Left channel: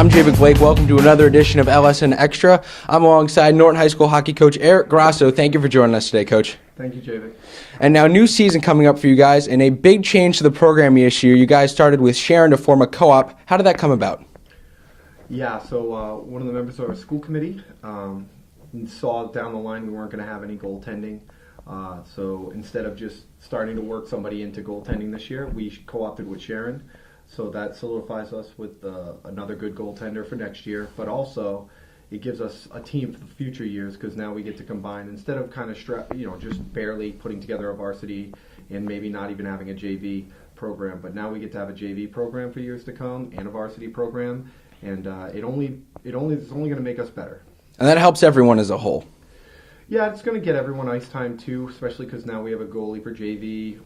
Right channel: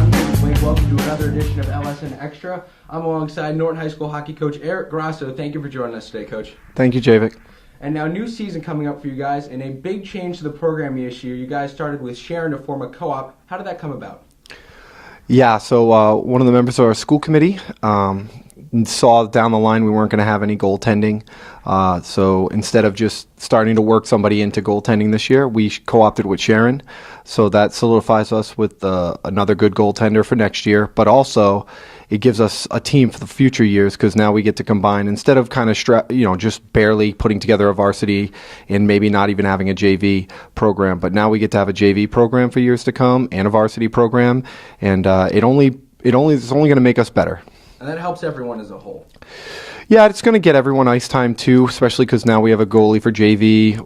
I'm David Blake. Welcome to another edition of LSN Extra. I'm alongside Norton High School hockey coach Eric Grasso. Thank you for joining us today, Coach. Thank you, Javik. And now, new season coming up for you guys, and a big change to the program this year. You guys started with Sharon to form a co-op. How did that come about? Yeah, so one of the members of our school committee saw down the line we weren't going to have any goaltending. So instead of just starting to work somebody into goaltending this year, we co-opted with Sharon. So that solidifies us with another good goaltender for next year. But also, it gives us a team for the future years because now we get to combine instead of kind of just barely putting together a varsity and maybe not even having a JV program. But now we get to have a JV program for years to come and a varsity program, and it's only going to make us better. And that helps everyone as a whole. Yeah, it's going to get everyone ice time too, especially because now we have a goalie for JV.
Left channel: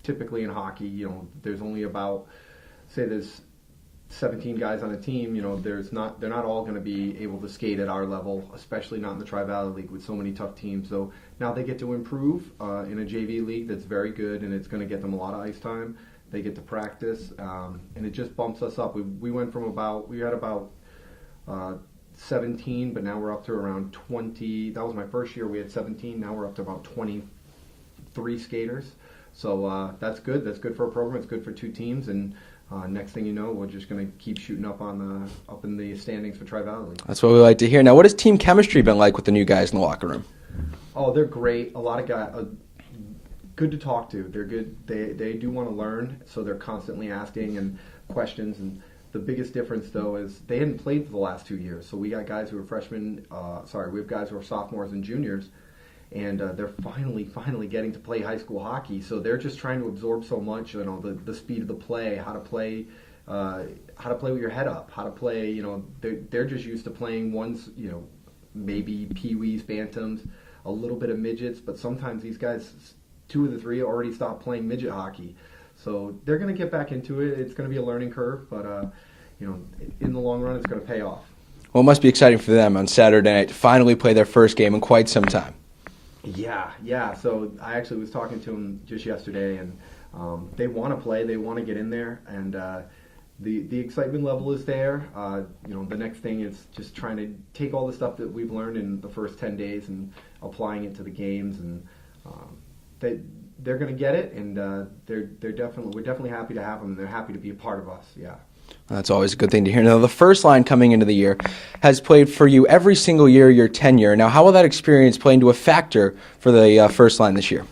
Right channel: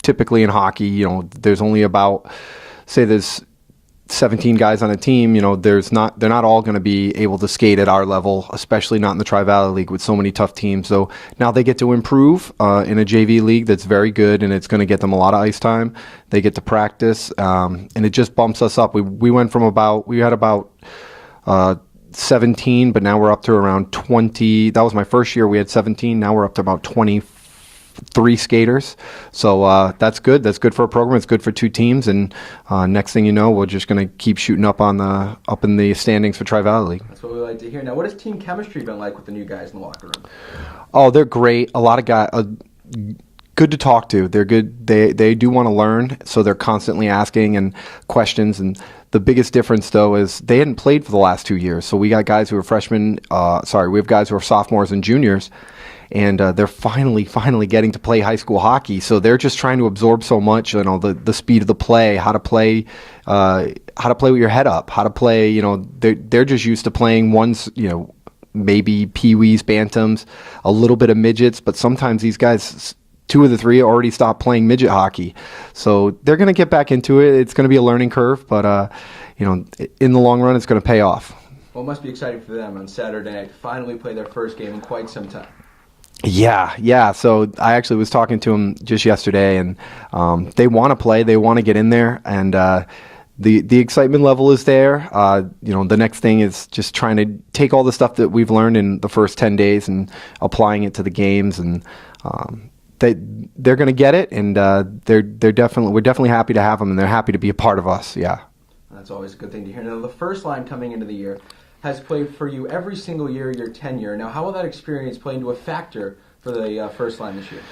Typically in hockey, there's only about, say there's 17 guys on a team, they're not all going to be able to skate at our level, especially not in the Tri-Valley League with so many tough teams. So now they get to improve in a JV league that's very good, and it's going to get them a lot of ice time. They get to practice, and it just bumps us up. We went from we had about 17, but now we're up to around 20. That was my first year. We had 17. Now we're up to about 23 skaters. So that's good. That's good for a program. It's good for two teams. And next thing you know, we're just going to keep shooting up in the standings for Tri-Valley League. That's what we like to hear. Now, what has team chemistry been like with the new guys in the locker room? Oh, they're great. A lot of guys. Good to talk to. They're good. They do want to learn, so they're constantly asking and questions. And the biggest difference, though, is they hadn't played for the last 2 years. So we got guys who are freshmen. We have guys who are sophomores and juniors, and they're finally getting to play high school hockey. So they're just trying to absorb so much, the speed of the play, how to play with your head up, how to play. They're just used to playing ones, maybe peewees, bantams, a little bit of midgets, but sometimes these guys, 2 of the 3 already stopped playing midget hockey. So they're going to get back into it. It's going to be a learning curve, but in the long run, it's going to pay off. Well, it must be exciting for them on Saturday night to finally play their first game in quite some time. Yeah. So I actually was talking to them just yesterday, and they want to play. They want to get in there, and the excitement level is there. The next thing is just trying to take all the stuff that we've learned in the first 10 days and applying it to the games, and they're going to get it, and we're definitely happy to have them, and they're happy to be a part of us. Yeah. That's always a good thing to hear. Now, the first line coming into the year has played for you every single year your tenure. Now, how will that experience play into a factor for the first line this year?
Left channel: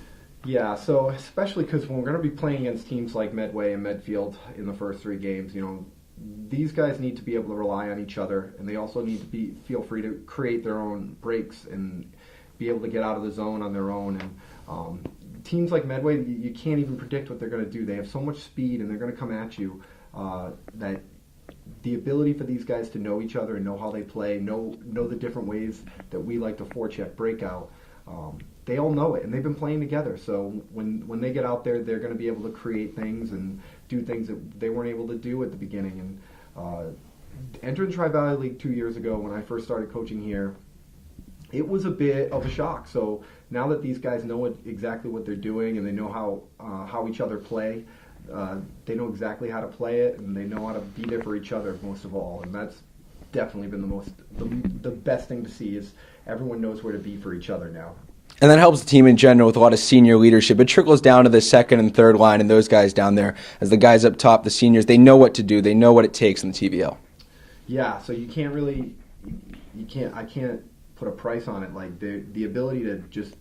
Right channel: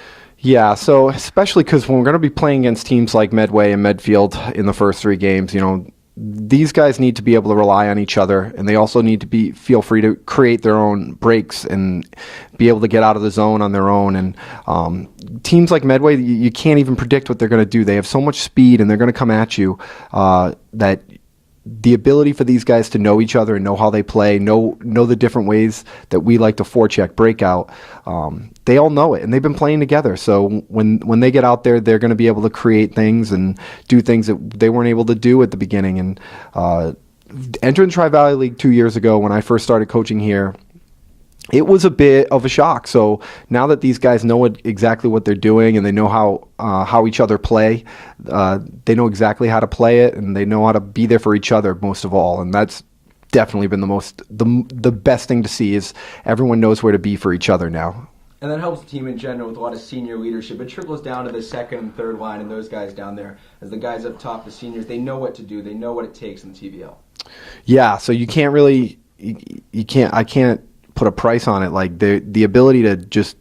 Yeah, so especially because when we're going to be playing against teams like Medway and Medfield in the first 3 games, these guys need to be able to rely on each other, and they also need to feel free to create their own breaks and be able to get out of the zone on their own. And teams like Medway, you can't even predict what they're going to do. They have so much speed, and they're going to come at you that the ability for these guys to know each other and know how they play, know the different ways that we like to forecheck, breakout, they all know it, and they've been playing together. So when they get out there, they're going to be able to create things and do things that they weren't able to do at the beginning. And entering the Tri-Valley League 2 years ago when I first started coaching here, it was a bit of a shock. So now that these guys know exactly what they're doing, and they know how each other play, they know exactly how to play it, and they know how to be there for each other most of all. And that's definitely been the best thing to see, is everyone knows where to be for each other now. And that helps the team in general with a lot of senior leadership. It trickles down to the second and third line and those guys down there. As the guys up top, the seniors, they know what to do. They know what it takes in the TVL. Yeah, so you can't really, I can't put a price on it. Like the ability to just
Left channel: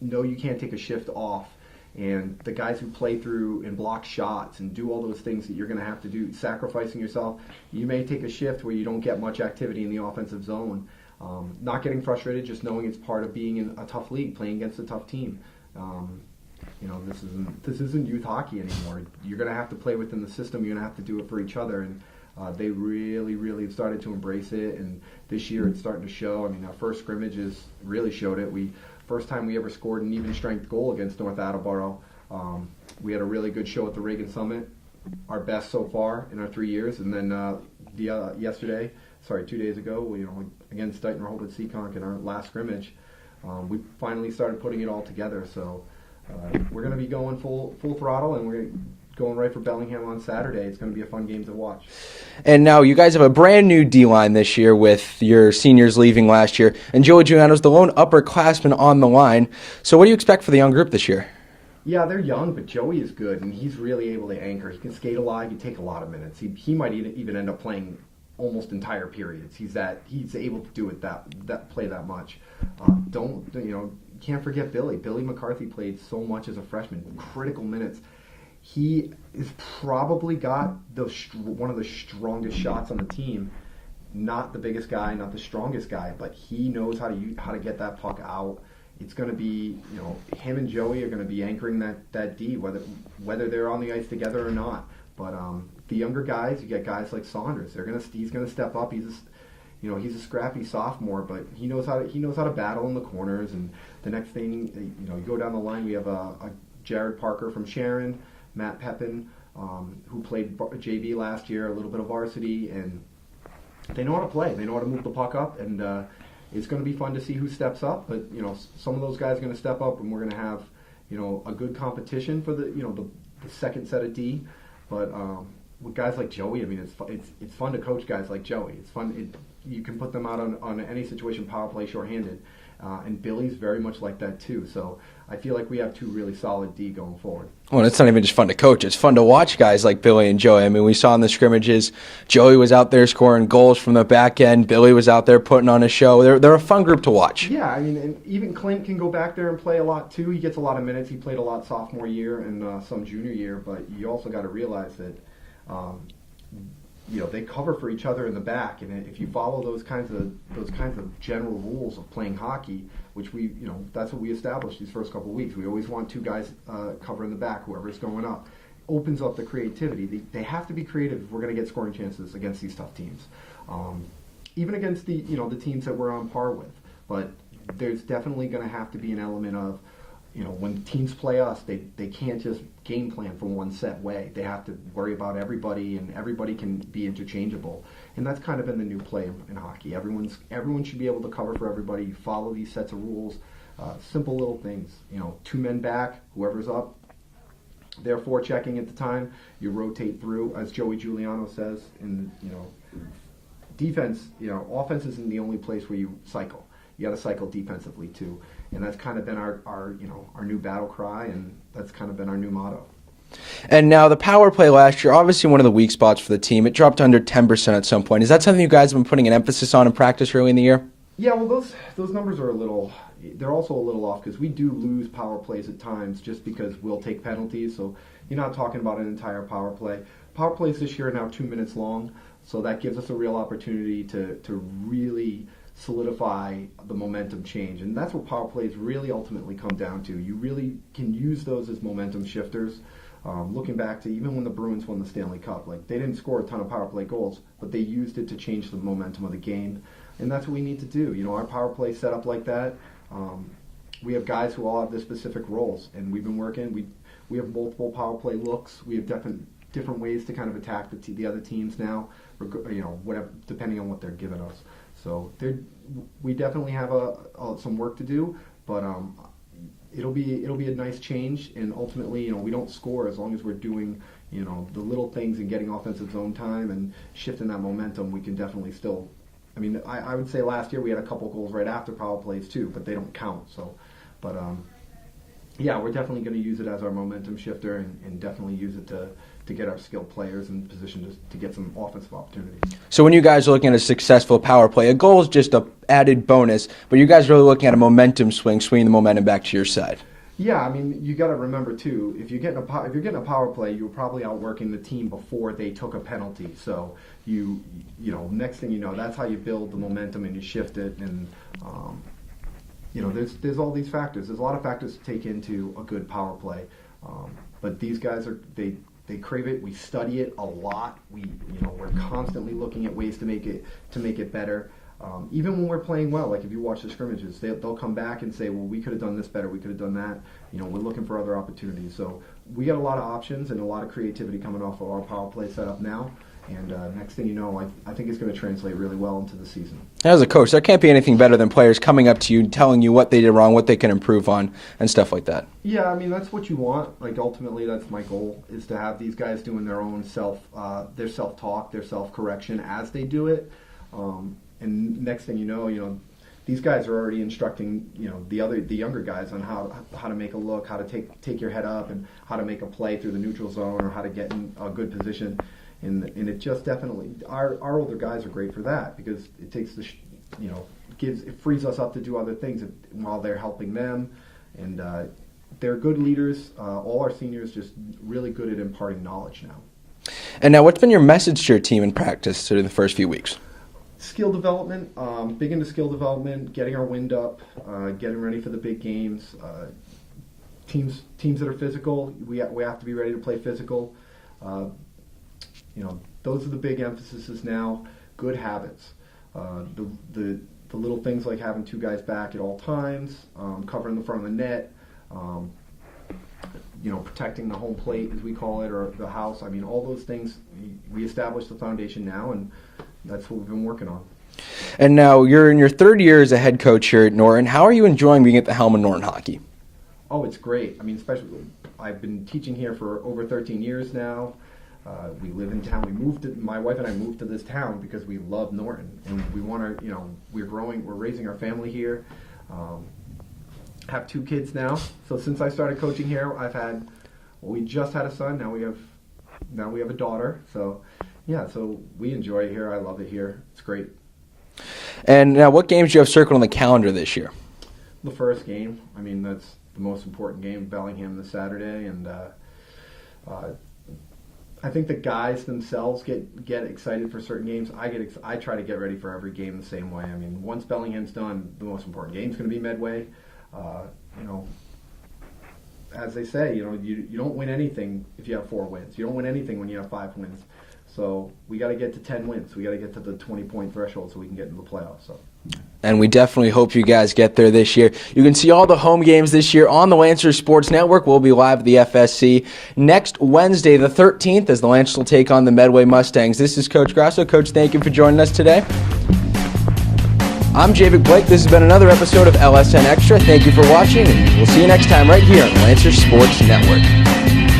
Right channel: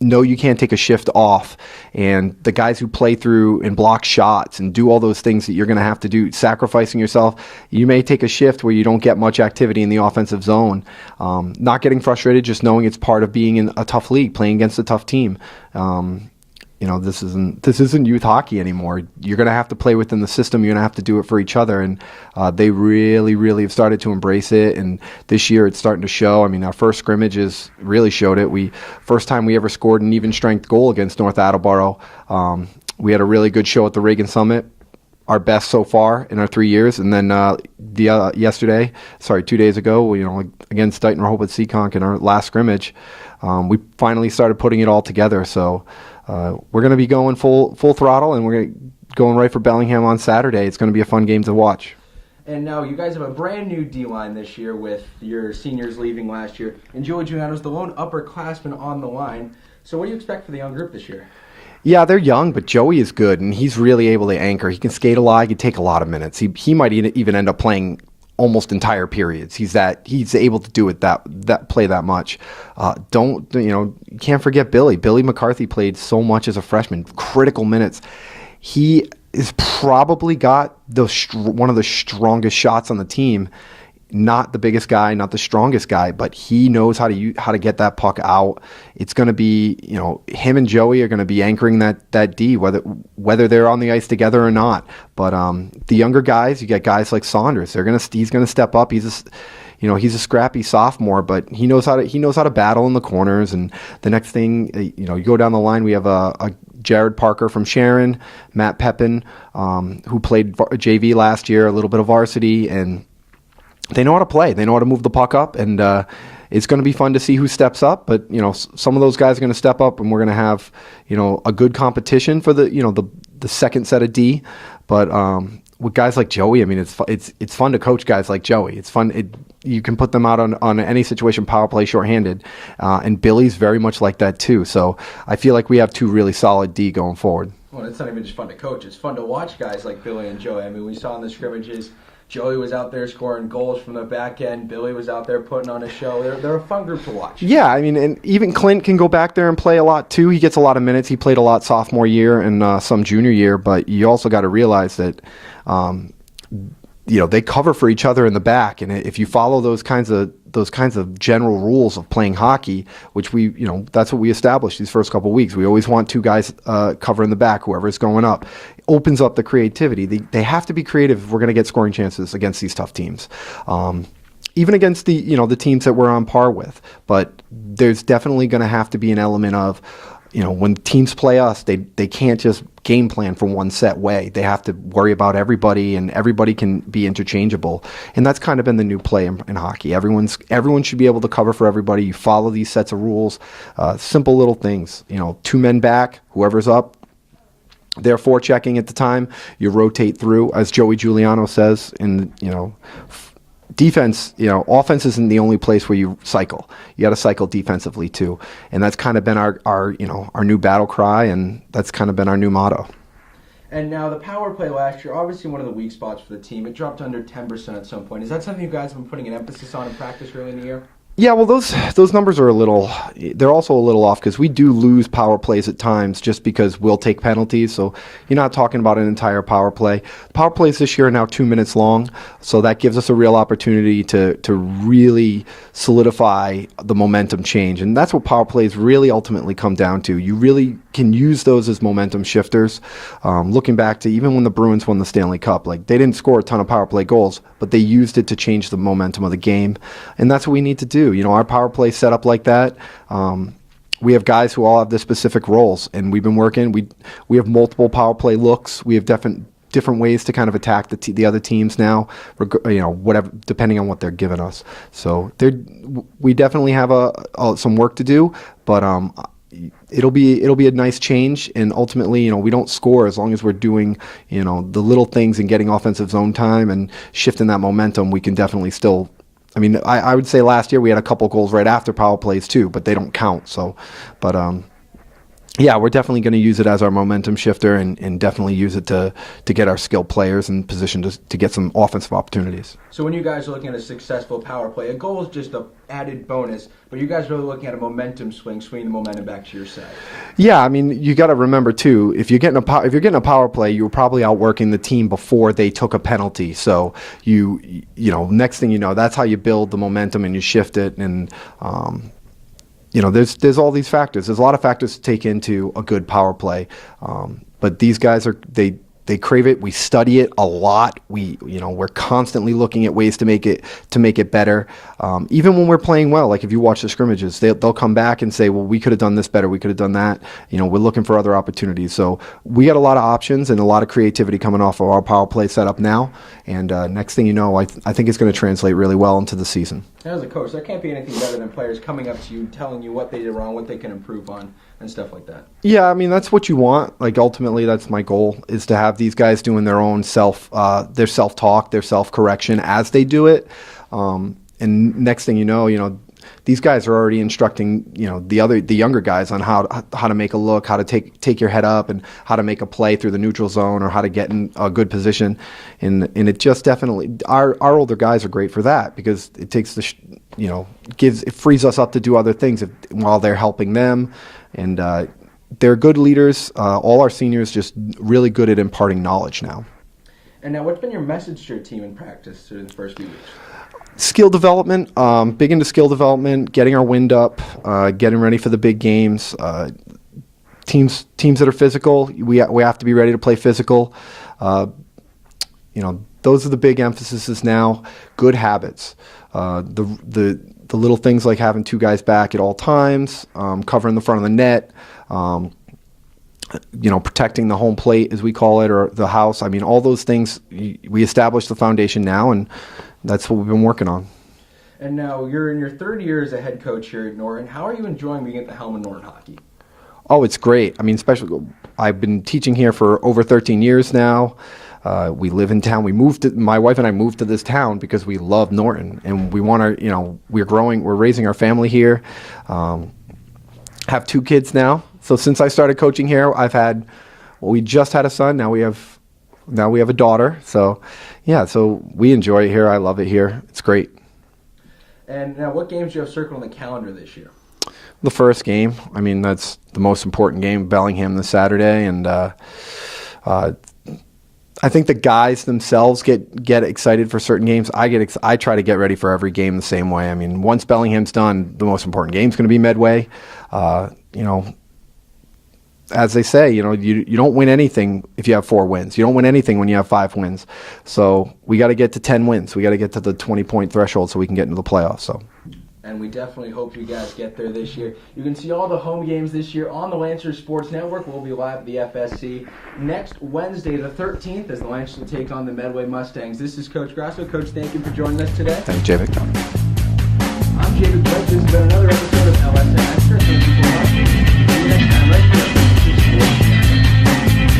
know you can't take a shift off, and the guys who play through and block shots and do all those things that you're going to have to do, sacrificing yourself. You may take a shift where you don't get much activity in the offensive zone. Not getting frustrated, just knowing it's part of being in a tough league, playing against a tough team. This isn't youth hockey anymore. You're going to have to play within the system. You're going to have to do it for each other, and they really, really have started to embrace it. And this year, it's starting to show. I mean, our first scrimmages really showed it. First time we ever scored an even strength goal against North Attleboro. We had a really good show at the Reagan Summit, our best so far in our 3 years. And then 2 days ago, against Dighton Rehoboth Seekonk in our last scrimmage, we finally started putting it all together. So. We're going to be going full throttle, and we're going right for Bellingham on Saturday. It's going to be a fun game to watch. And now you guys have a brand new D-line this year with your seniors leaving last year, and Joey Giuliano's the lone upperclassman on the line. So what do you expect for the young group this year? Yeah, they're young, but Joey is good, and he's really able to anchor. He can skate a lot. He can take a lot of minutes. He might even end up playing almost entire periods. He's able to do it play that much. You can't forget Billy. Billy McCarthy played so much as a freshman, critical minutes. He is probably got one of the strongest shots on the team. Not the biggest guy, not the strongest guy, but he knows how to get that puck out. It's going to be, him and Joey are going to be anchoring that D, whether they're on the ice together or not. But the younger guys, you get guys like Saunders. He's going to step up. He's a scrappy sophomore, but he knows how to battle in the corners. And the next thing, you go down the line, we have a Jared Parker from Sharon, Matt Pepin, who played JV last year, a little bit of varsity, and they know how to play. They know how to move the puck up, and it's going to be fun to see who steps up. But some of those guys are going to step up, and we're going to have a good competition for the second set of D. But with guys like Joey, I mean, it's fun to coach guys like Joey. It's fun. You can put them out on any situation, power play, shorthanded, and Billy's very much like that too. So I feel like we have two really solid D going forward. Well, it's not even just fun to coach. It's fun to watch guys like Billy and Joey. I mean, we saw in the scrimmages, Joey was out there scoring goals from the back end. Billy was out there putting on a show. They're a fun group to watch. Yeah, I mean, and even Clint can go back there and play a lot too. He gets a lot of minutes. He played a lot sophomore year and some junior year. But you also got to realize that they cover for each other in the back, and if you follow those kinds of general rules of playing hockey, which that's what we established these first couple of weeks. We always want two guys covering the back, whoever's going up. It opens up the creativity. They have to be creative if we're going to get scoring chances against these tough teams. Even against the teams that we're on par with. But there's definitely going to have to be an element of, when teams play us, they can't just game plan for one set way. They have to worry about everybody, and everybody can be interchangeable. And that's kind of been the new play in hockey. Everyone should be able to cover for everybody. You follow these sets of rules, simple little things. Two men back, whoever's up, they're forechecking at the time. You rotate through, as Joey Giuliano says, in defense, offense isn't the only place where you cycle. You got to cycle defensively too, and that's kind of been our new battle cry, and that's kind of been our new motto. And now the power play last year, obviously one of the weak spots for the team. It dropped under 10% at some point. Is that something you guys have been putting an emphasis on in practice early in the year? Yeah, well, those numbers are they're also a little off because we do lose power plays at times just because we'll take penalties. So you're not talking about an entire power play. Power plays this year are now 2 minutes long, so that gives us a real opportunity to really solidify the momentum change. And that's what power plays really ultimately come down to. You really can use those as momentum shifters. Looking back to even when the Bruins won the Stanley Cup, they didn't score a ton of power play goals, but they used it to change the momentum of the game. And that's what we need to do. Our power play set up like that. We have guys who all have their specific roles, and we've been working. We have multiple power play looks. We have different ways to kind of attack the other teams now, whatever, depending on what they're giving us. So we definitely have some work to do, but it'll be a nice change. And ultimately, we don't score as long as we're doing the little things and getting offensive zone time and shifting that momentum. We can definitely still. I mean, I would say last year we had a couple goals right after power plays too, but they don't count. So, but yeah, we're definitely going to use it as our momentum shifter, and definitely use it to get our skilled players in position to get some offensive opportunities. So when you guys are looking at a successful power play, a goal is just an added bonus, but you guys are really looking at a momentum swinging the momentum back to your side. Yeah, I mean, you got to remember too, if you're getting a power play, you were probably outworking the team before they took a penalty. So next thing you know, that's how you build the momentum and you shift it. And there's all these factors. There's a lot of factors to take into a good power play. But these guys they crave it. We study it a lot. We're constantly looking at ways to make it better. Even when we're playing well, like if you watch the scrimmages, they'll come back and say, well, we could have done this better. We could have done that. We're looking for other opportunities. So we got a lot of options and a lot of creativity coming off of our power play setup now. And next thing you know, I think it's going to translate really well into the season. As a coach, there can't be anything better than players coming up to you, telling you what they did wrong, what they can improve on, and stuff like that. Yeah, I mean, that's what you want. Like, ultimately, that's my goal, is to have these guys doing their own their self-talk, their self-correction as they do it. And next thing you know, these guys are already instructing, the younger guys on how to make a look, how to take your head up, and how to make a play through the neutral zone, or how to get in a good position. And it just definitely, our older guys are great for that, because it takes it frees us up to do other things while they're helping them. And they're good leaders. All our seniors just really good at imparting knowledge now. And now, what's been your message to your team in practice through the first few weeks? Skill development, big into skill development, getting our wind up, getting ready for the big games. Teams that are physical, we have to be ready to play physical. Those are the big emphases now. Good habits, the little things like having two guys back at all times, covering the front of the net, protecting the home plate, as we call it, or the house. I mean, all those things, we established the foundation now, and that's what we've been working on. And now you're in your third year as a head coach here at Norton. How are you enjoying being at the helm of Norton hockey? Oh, it's great. I mean, especially, I've been teaching here for over 13 years now. We live in town. My wife and I moved to this town because we love Norton, and we want to, we're raising our family here. Have two kids now. So since I started coaching here, we just had a son. Now we have a daughter. So, yeah, so we enjoy it here. I love it here. It's great. And now, what games do you have circled on the calendar this year? The first game. I mean, that's the most important game, Bellingham this Saturday. And I think the guys themselves get excited for certain games. I try to get ready for every game the same way. I mean, once Bellingham's done, the most important game's going to be Medway. As they say, you don't win anything if you have 4 wins. You don't win anything when you have 5 wins. So we got to get to 10 wins. We got to get to the 20-point threshold so we can get into the playoffs. So. And we definitely hope you guys get there this year. You can see all the home games this year on the Lancers Sports Network. We'll be live at the FSC next Wednesday, the 13th, as the Lancers will take on the Medway Mustangs. This is Coach Grasso. Coach, thank you for joining us today. Thank you, Javik. I'm Javik Blake. This has been another episode of LSN Extra. Thank you for watching, and we'll see you next time right here on the Lancers Sports Network.